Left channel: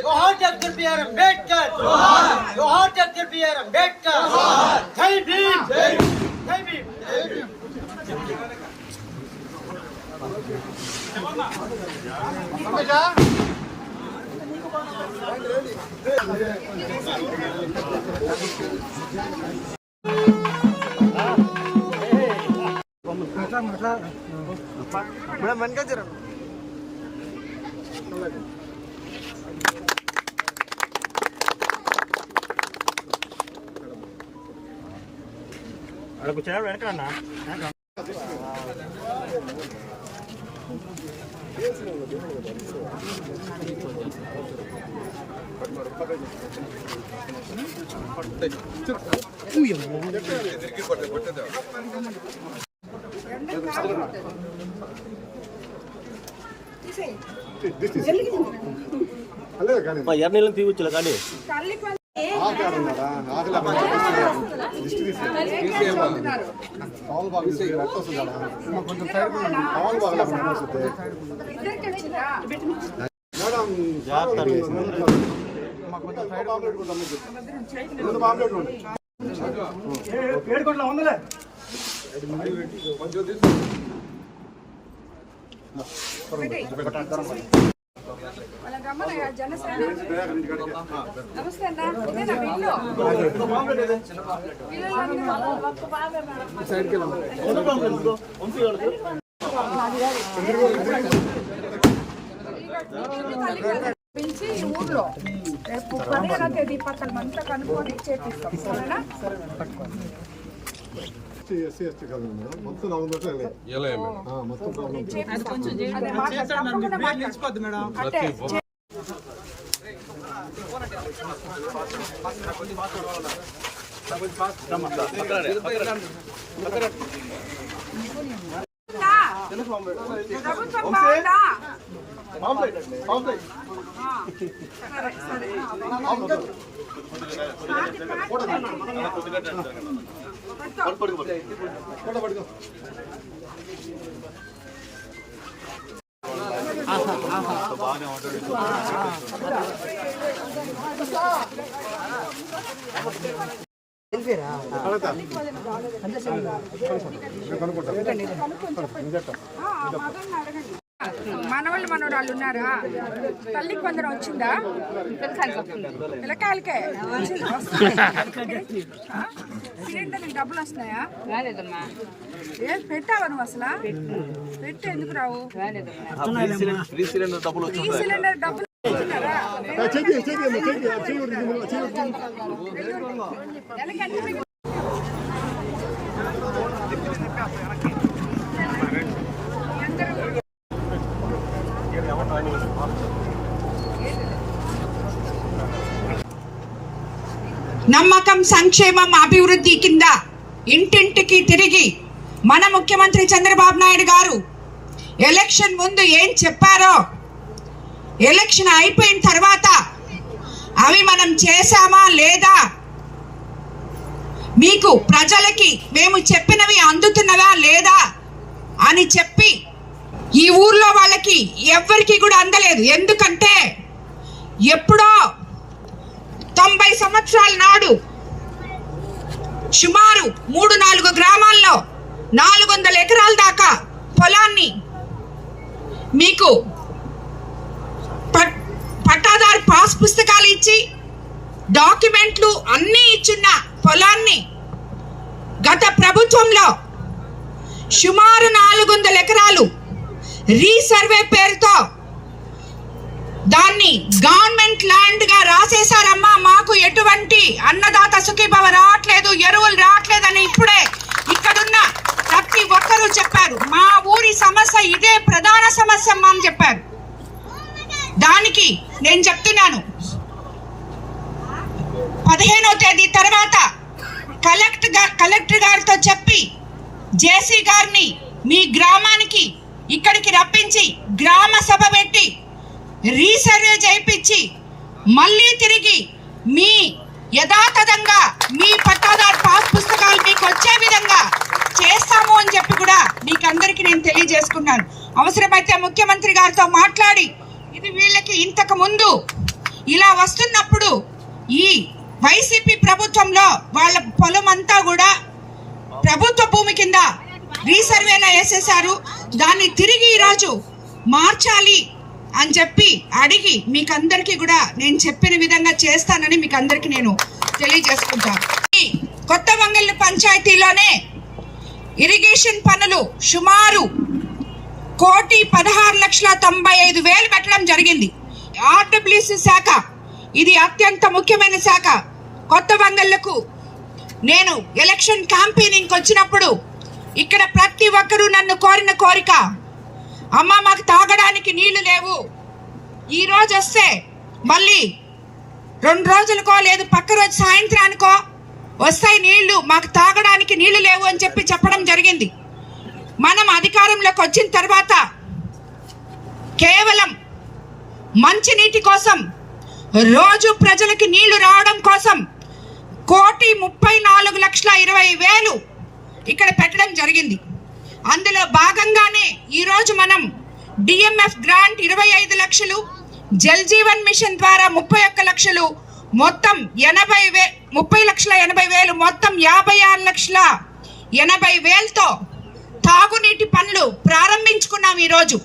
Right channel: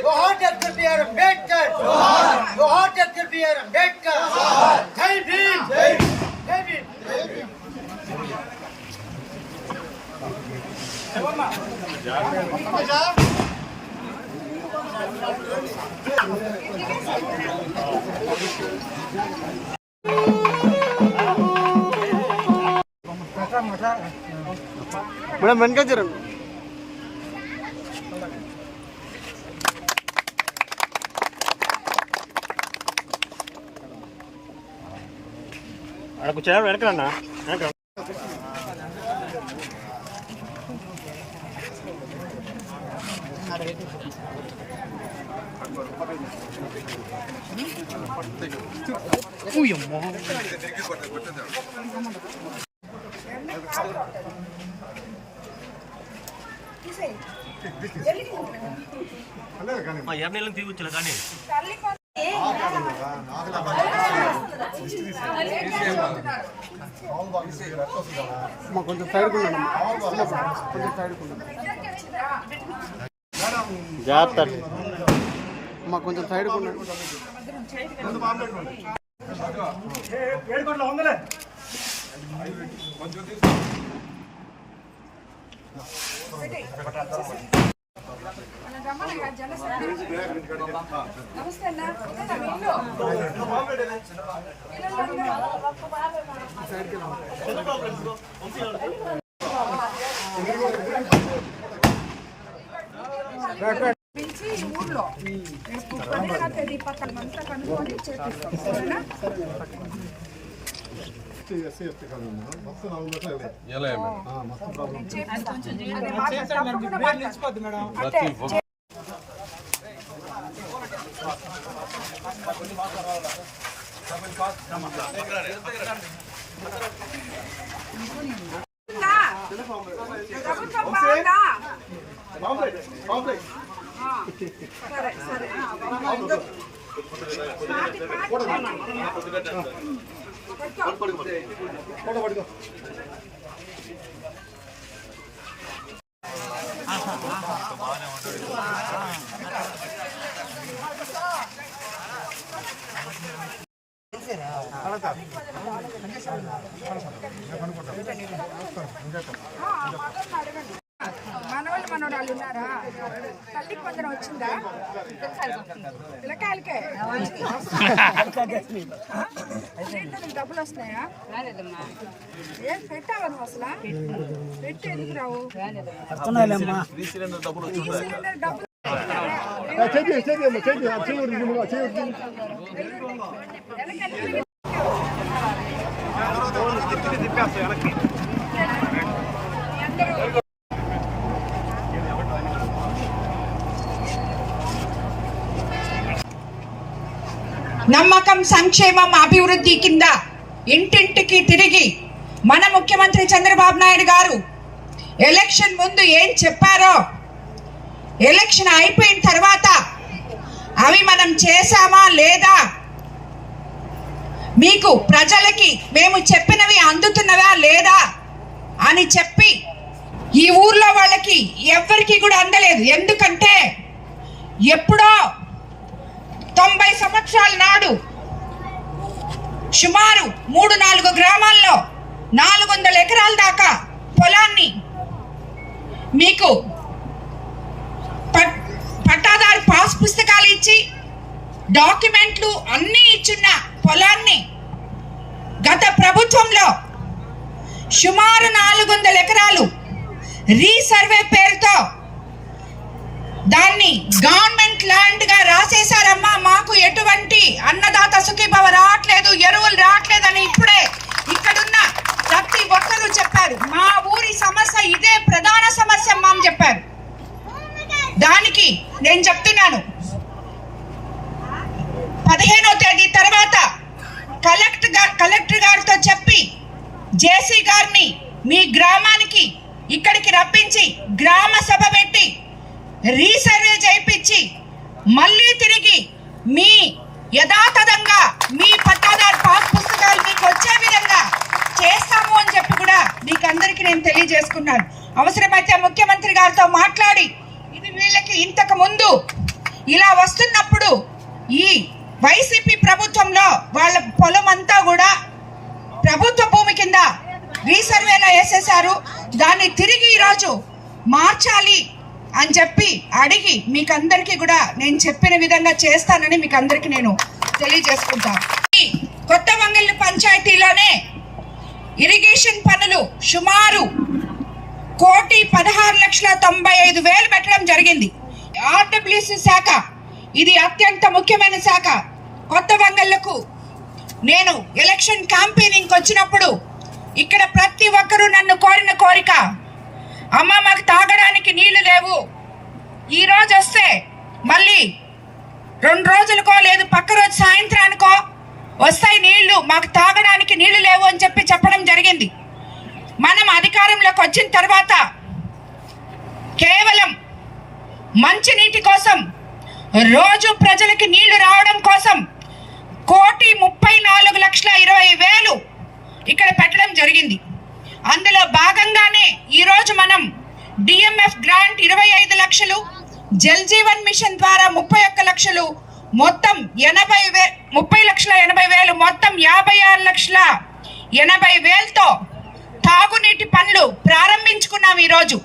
जोहार doctor B are Ambedkar, जोहार doctor B are Ambedkar, जय भीम, जय भीम। మేడం వెనక జరండి. కూర్చోండి వెనకన్నా. ఎర్నీళ్ళని తీయచ్చులే కానీ జాగ్రత్త కొంచెం సైడ్ నమస్తే అన్న. పిలిచి ఊర్లో రేపు 15వ తేదీ పక్కన అంతా కనుక్కొని చేపిస్తాం. సరేనా? మొత్తం మొత్తం ప్రాబ్లం మనవాళ్ళు మనవరాళ్ళు ఉన్నారా? తల్లి కొందరు వచ్చిందా? పిల్లకాయలకే సిలిండర్ డబ్బులు వస్తున్నాయా? ఏం పెట్టావా నువ్వు అసలు? పెట్టి ఎందుకు రావు? ఈ సిలిండర్ డబ్బులు నమ్మకం, సంక్షేమం, అభివృద్ధి కింద ఇంటింటికి తిరిగి మన ముఖ్యమంత్రి చంద్రబాబు నాయుడు గారు ఎలక్షన్ ముందు ఏం చెప్పారో ఎలక్షన్ అయిపోయిన తర్వాత అవి మనం చేశామా లేదా, మీకు ప్రజలకి మేము చెప్పినవి అందుతున్నవా లేదా అని చెప్పి ఈ ఊర్లో వాళ్ళకి ఎవ్వరికి కూడా అందలేదు. ఎందుకంటే ఎప్పుడో 90 సంవత్సరాల నాడు సుమారు 3-4 గ్రామాల్లో 400 ఎకరాల దాకా పొలాన్ని మీకు పట్టాదారు పాస్ పుస్తకాలు ఇచ్చి డాక్యుమెంట్లు అన్నీ ఇచ్చిన పొలాన్ని గత ప్రభుత్వంలో సుమారు 400 ఎకరాలు రీసర్వే పేరుతో దాన్ని గవర్నమెంట్ ల్యాండ్ గా రాసేశారమ్మా. మాకు ఎటువంటి అన్నదాత సుఖీభవ రావట్లేదు, ఎరువులు రావట్లేదు అని ఇప్పుడే ఇక్కడున్న ప్రతి ఒక్కరూ చెప్పారు. మా ఊరి సమస్య ఇదే ప్రధాన సమస్య అమ్మా అని చెప్పారు. దానికి నేను చెప్తున్నాను, 15వ తేదీ తర్వాత కలెక్టర్ గారితో చెప్పి జేసీ గారిని మీ గ్రామానికి ఇక్కడికి రప్పించి గ్రామ సభ పెట్టి రీసర్వే చేయించి మళ్ళీ తిరిగి మీ యథాతథంగా మీ పట్టాదారు పాస్ పుస్తకాలు మీకు వచ్చే విధంగా చేస్తాము అని చెప్పి కూడా మీకు అందరికీ నేను తెలియజేసుకున్నాను. అవసరమైతే ముఖ్యమంత్రి గారితో మాట్లాడి ఇది వీళ్ళకి ఇంతకు ముందు ఇలా వస్తున్నప్పుడు ఈ వైసీపీ ప్రభుత్వంలో వాళ్ళ పొలం అంతా కూడా ప్రభుత్వ భూమి కింద రీసర్వేలో వేసేశారు. దాన్ని తిరిగి ఈరోజు మార్చాలి అని చెప్పి అడిగి మీకు అందరికీ కూడా నేను చెప్పిన విధంగా చేస్తానని మీకు అందరికీ నేను తెలియజేసుకుంటాను. కొత్త వంగల్లి పంచాయతీలోనే ఇరిగేషన్ పనులు సుమారు 1,16,95,000 పెట్టడం జరిగింది. ఆర్డబ్ల్యూసీ శాఖ ఇది అత్యంత ముఖ్యమైన శాఖ. కొత్త వంగళ్లకు నేను ఎలక్షన్ క్యాంపెయినింగ్ వచ్చినప్పుడు ఇక్కడ ప్రతి ఒక్కరూ నన్ను కోరిన కోరిక, అమ్మ మాకు తాగడానికి నీళ్లు లేవు, ఈ రోజు వస్తే మళ్ళీ 2 రోజులకో లేదు పక్క రోజు సాయంత్రానికో వస్తాయి నీళ్లు, మాకు తాగడానికి నీళ్లు లేవు అని చెప్పి చెప్పడం జరిగింది. మనం అధికారంలోకి వచ్చిన తర్వాత కేవలం మంచినీటి కోసం, రోజు ప్రజలకి నీళ్లు రావడం కోసం 1,34,20,000 ఇక్కడ పెట్టడం జరిగింది. అందులో భాగంగానే ఈరోజు మనం డిఎంఎఫ్ గ్రాంట్ 25 లక్షలు, జల్ జీవన్ మిషన్ ద్వారా 31 లక్షలు, మొత్తం 30,80,000 మొత్తం 56,80,000తో తాగునీటి పనులు ప్రారంభించుకున్నాం ఈరోజు.